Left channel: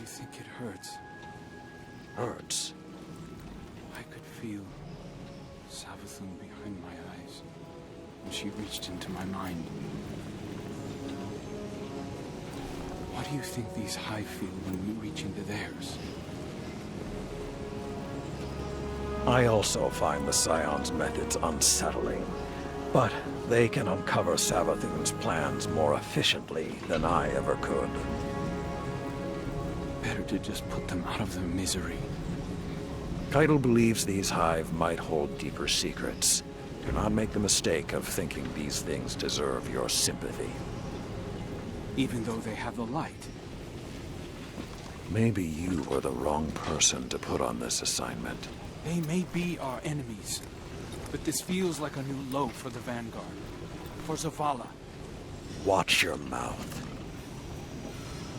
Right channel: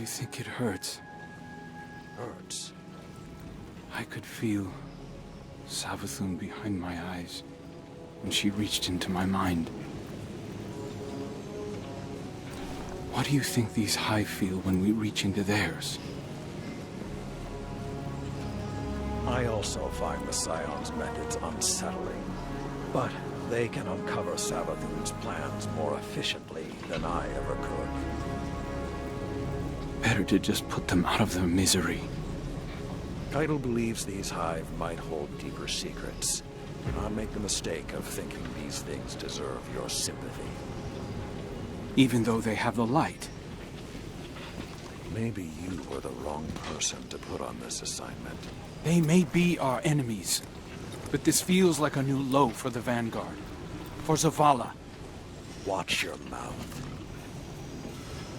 you think it hurts? Hurts? I could feel Savathun behind my eyes when she reached into my mind. What do you think these Hive feel when we reach into theirs? I also find the Scion's methods unsettling, but they can uncover Savathun's plans more efficiently than I ever could. Better to just put them out of their misery. Keitel believes these Hive might hold deeper secrets. Do not make the mistake of thinking these things deserve your sympathy. Even though they have the light. Maybe you were the wrong person to put on this assignment. They may be our enemies, but this feels like a new low for the Vanguard. For Zavala. Watch your mouth.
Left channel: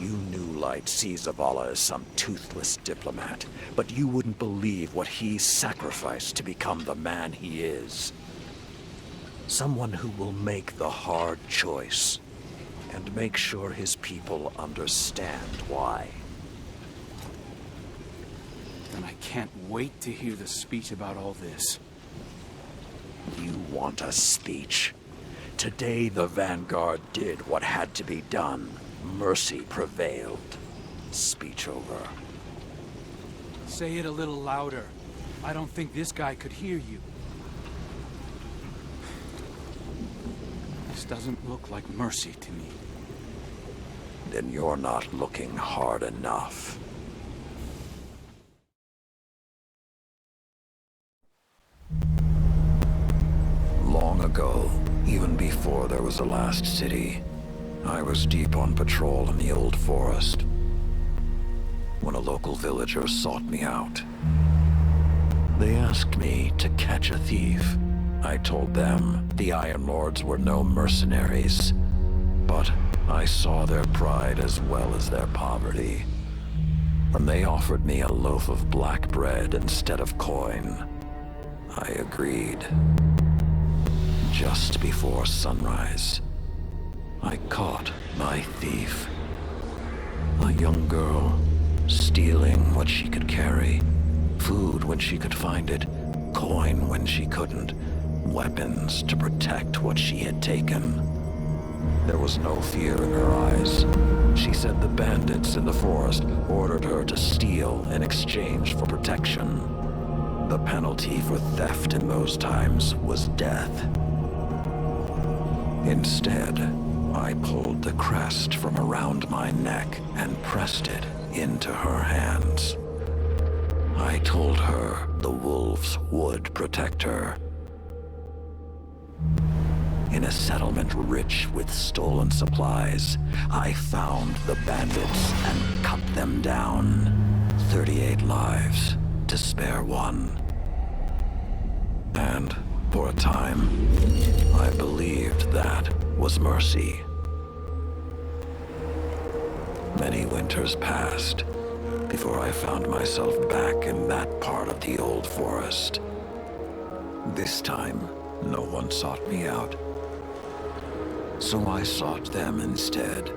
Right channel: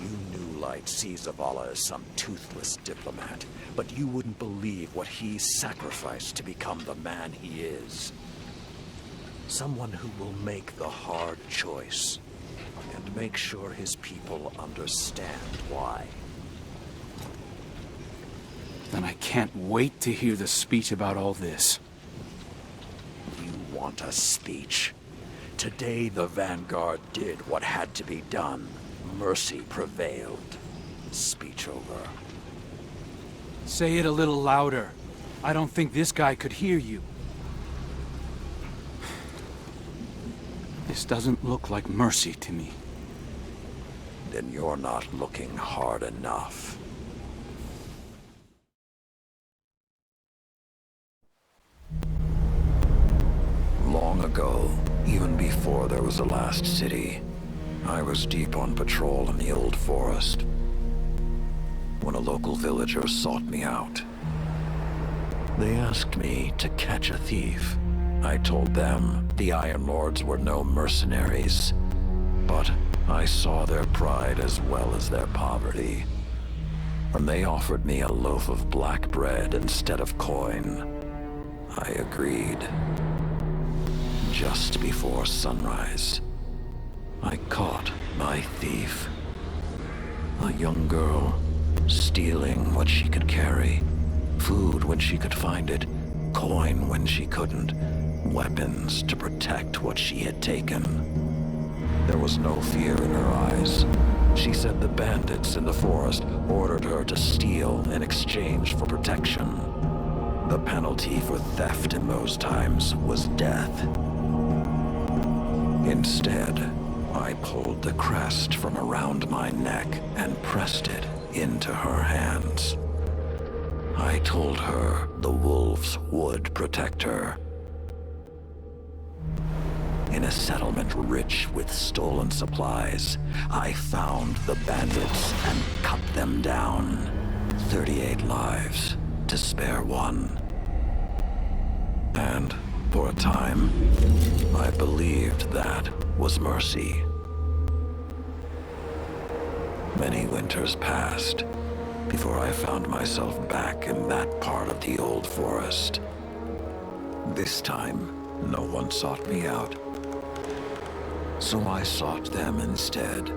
You New Light see Zavala as some toothless diplomat, but you wouldn't believe what he sacrificed to become the man he is. Someone who will make the hard choice, and make sure his people understand why. Then I can't wait to hear the speech about all this. You want a speech? Today the Vanguard did what had to be done. Mercy prevailed. Speech over. Say it a little louder. I don't think this guy could hear you. This doesn't look like mercy to me. Then you're not looking hard enough. Long ago, even before there was a last city, I was deep on patrol in the old forest when a local villager sought me out. They asked me to catch a thief. I told them the Iron Lords were no mercenaries, but I saw their pride as well as their poverty. When they offered me a loaf of black bread instead of coin, I agreed. Just before sunrise, I caught my thief. A young girl, stealing what she could carry. Food when she could find it, coin when she couldn't, weapons to protect what she had taken. There was no fear in her eyes. She said the bandits in the forest ordered her to steal in exchange for protection. The penalty for theft in those times was death. Instead, I pulled the crest from around my neck and pressed it into her hands. I told her the wolves would protect her. In a settlement rich with stolen supplies, I found the bandits and cut them down. 38 lives to spare one. And for a time, I believed that was mercy. Many winters passed before I found myself back in that part of the old forest. This time, no one sought me out. So I sought them instead.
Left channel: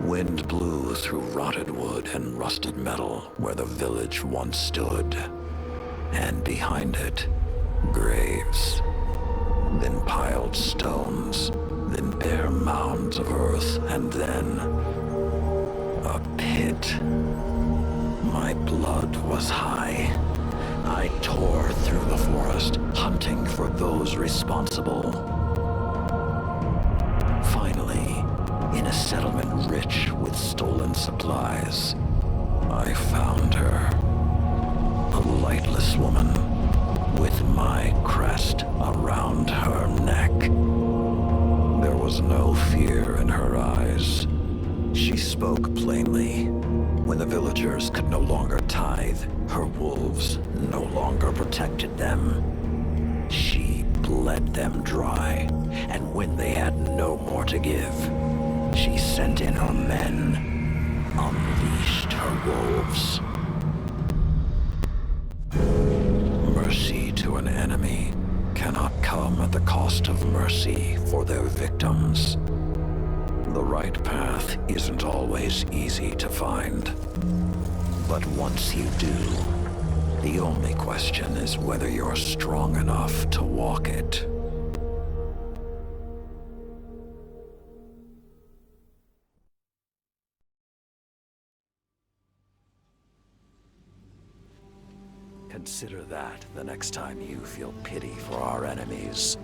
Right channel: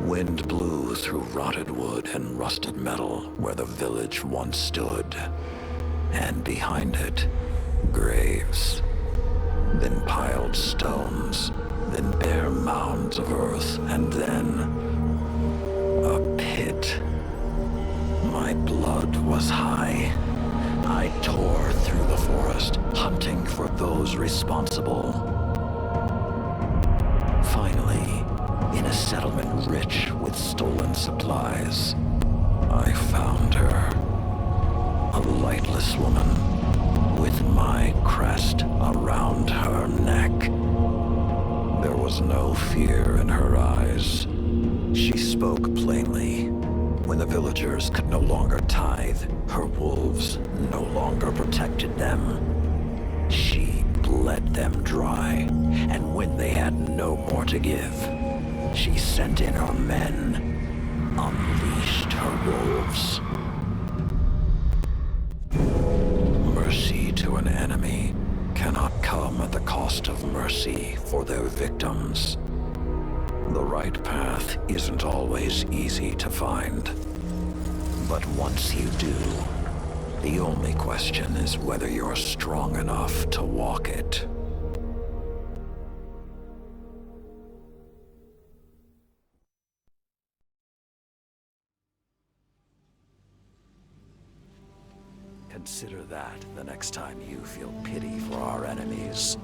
Wind blew through rotted wood and rusted metal where the village once stood. And behind it, graves. Then piled stones. Then bare mounds of earth. And then a pit. My blood was high. I tore through the forest, hunting for those responsible. Finally, in a settlement rich with stolen supplies, I found her. A lightless woman with my crest around her neck. There was no fear in her eyes. She spoke plainly. When the villagers could no longer tithe, her wolves no longer protected them. She bled them dry, and when they had no more to give, she sent in her men, unleashed her wolves. Mercy to an enemy cannot come at the cost of mercy for their victims. The right path isn't always easy to find. But once you do, the only question is whether you're strong enough to walk it. Consider that the next time you feel pity for our enemies.